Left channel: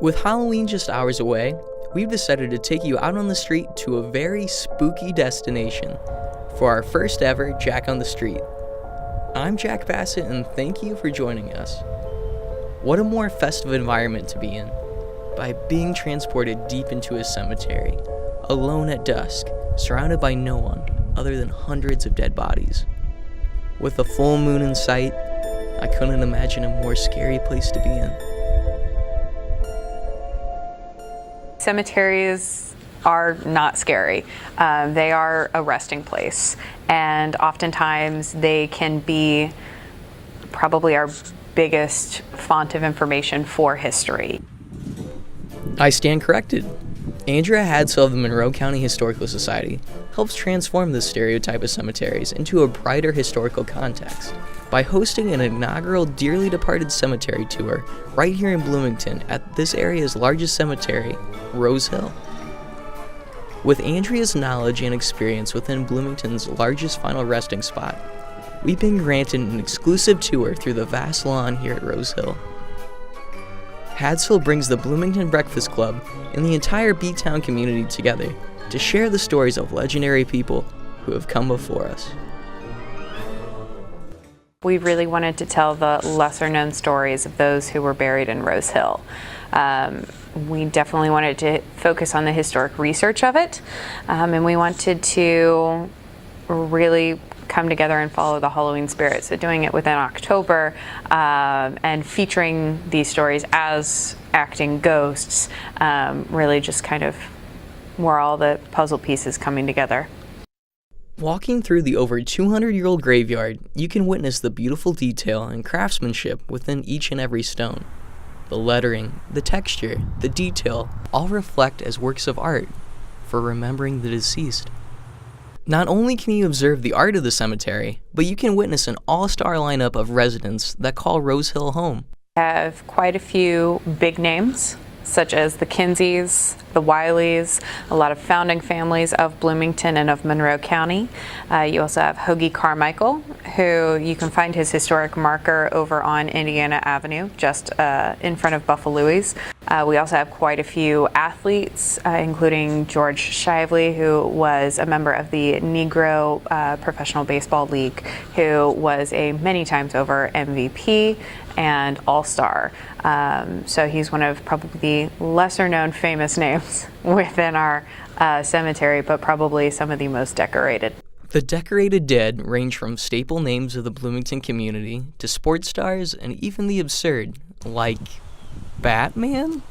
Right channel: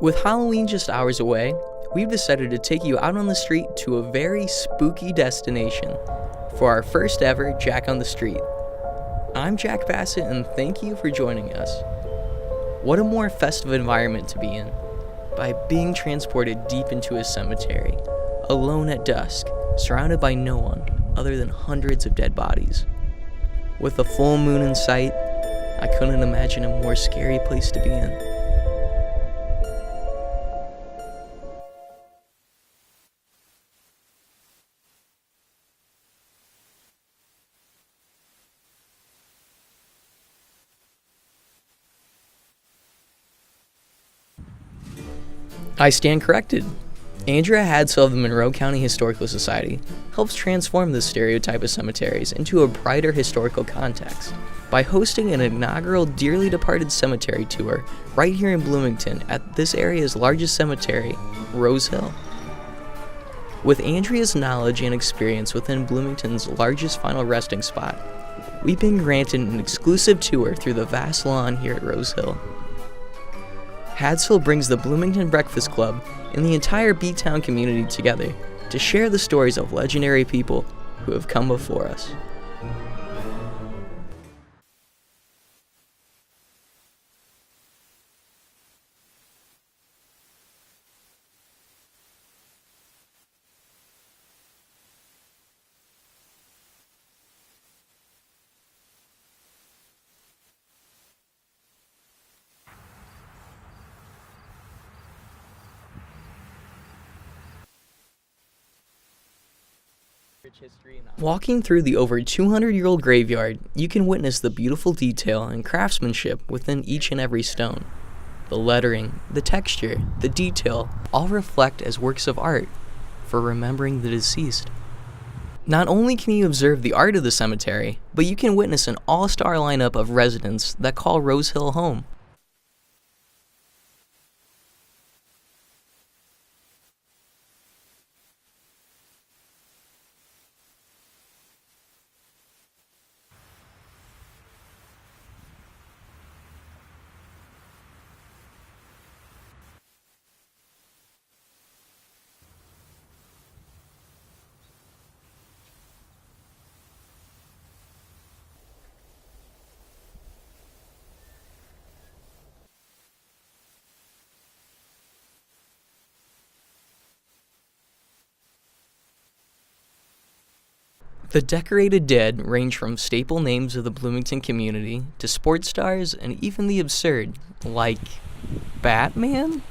With Halloween just hours away, we've decided to take you out on the street to a very spooky destination for our first ever Jack on the Street. I'm Jack Bassett and thank you for joining us. What a more festive environment to be in, by being transported deep into a cemetery, alone at dusk, surrounded by no one other than hundreds of dead bodies. With a full moon in sight, I couldn't imagine a more scary place to be in. Cemeteries are not scary. They are a resting place, and oftentimes they can be probably our biggest font of information for history. I stand corrected. Andrea Hadsell of the Monroe County Historical Society helps transform this stereotype of cemeteries into a brighter historical context by hosting an inaugural Dearly Departed Cemetery tour right here in Bloomington at this area's largest cemetery, Rose Hill. With Andrea's knowledge and experience within Bloomington's largest final resting spot, we've been granted an exclusive tour through the vast lawn here at Rose Hill. Hadsell brings the Bloomington Breakfast Club and the entire B-Town community together to share the stories of legendary people who have come before us. We really wanted to tell the lesser-known stories of those who were buried in Rose Hill. We definitely wanted to focus on the historic research of it, and we wanted to really come together and follow the Halloween spirit. So doing it within October and featuring these stories as acting ghosts really just kind of were all the puzzle pieces coming together. Walking through the over 200-year-old graveyard, you can witness the beautiful detail and craftsmanship within each and every stone. The lettering, the texture, the detail all reflect as works of art for remembering the deceased. Not only can you observe the art of the cemetery, but you can witness an all-star lineup of residents that call Rose Hill home. We have quite a few big names, such as the Kinseys, the Wileys, a lot of founding families of Bloomington and of Monroe County. You also have Hoagie Carmichael, who you can find his historic marker over on Indiana Avenue, just in front of Buffalo's. We also have quite a few athletes, including George Shively, who was a member of the Negro Professional Baseball League, who was a many times over MVP and All-Star. So he's one of probably the lesser known famous names within our cemetery, but probably some of the most decorated. The decorated dead range from staple names of the Bloomington community to sports stars and even the absurd, like Batman?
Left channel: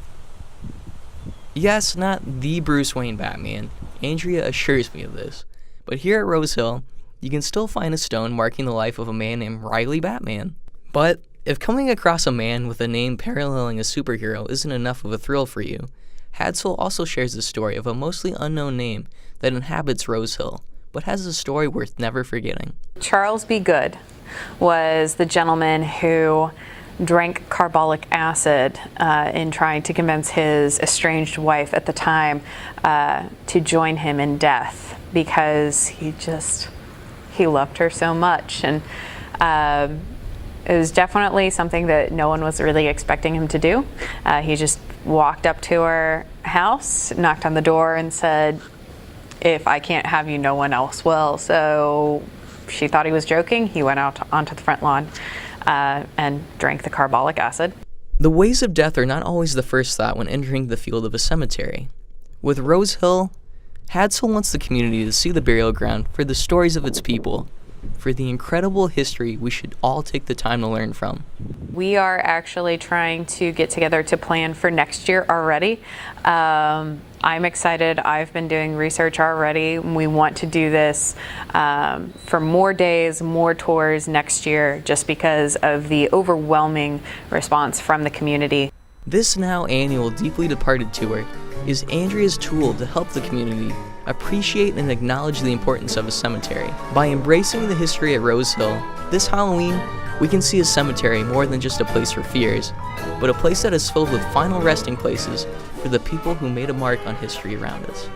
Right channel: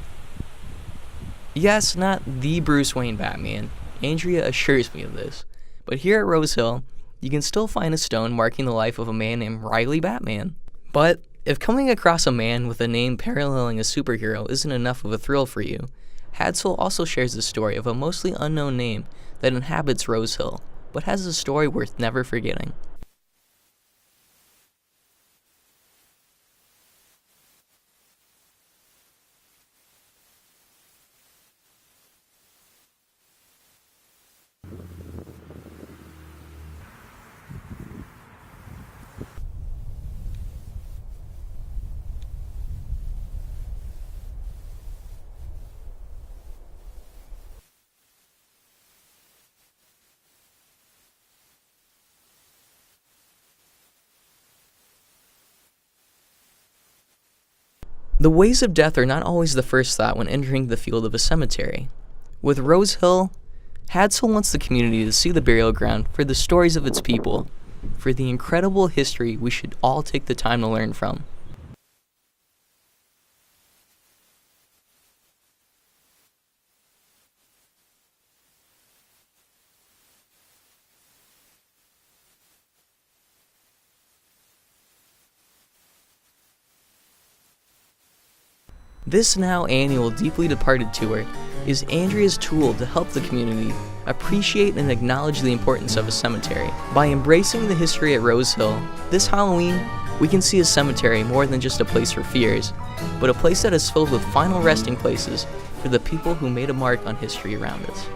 Yes, not the Bruce Wayne Batman. Andrea assures me of this. But here at Rose Hill, you can still find a stone marking the life of a man named Riley Batman. But if coming across a man with a name paralleling a superhero isn't enough of a thrill for you, Hadsell also shares the story of a mostly unknown name that inhabits Rose Hill, but has a story worth never forgetting. Charles B. Good was the gentleman who drank carbolic acid in trying to convince his estranged wife at the time to join him in death because he loved her so much. And it was definitely something that no one was really expecting him to do. He just walked up to her house, knocked on the door, and said, "If I can't have you, no one else will." So she thought he was joking. He went out onto the front lawn and drank the carbolic acid. The ways of death are not always the first thought when entering the field of a cemetery. With Rose Hill, Hadsell wants the community to see the burial ground for the stories of its people, for the incredible history we should all take the time to learn from. We are actually trying to get together to plan for next year already. I'm excited. I've been doing research already. We want to do this for more days, more tours next year, just because of the overwhelming response from the community. This now annual Deeply Departed tour is Andrea's tool to help the community appreciate and acknowledge the importance of a cemetery. By embracing the history at Rose Hill, this Halloween, we can see a cemetery more than just a place for fears, but a place that is filled with final resting places for the people who made a mark on history around us.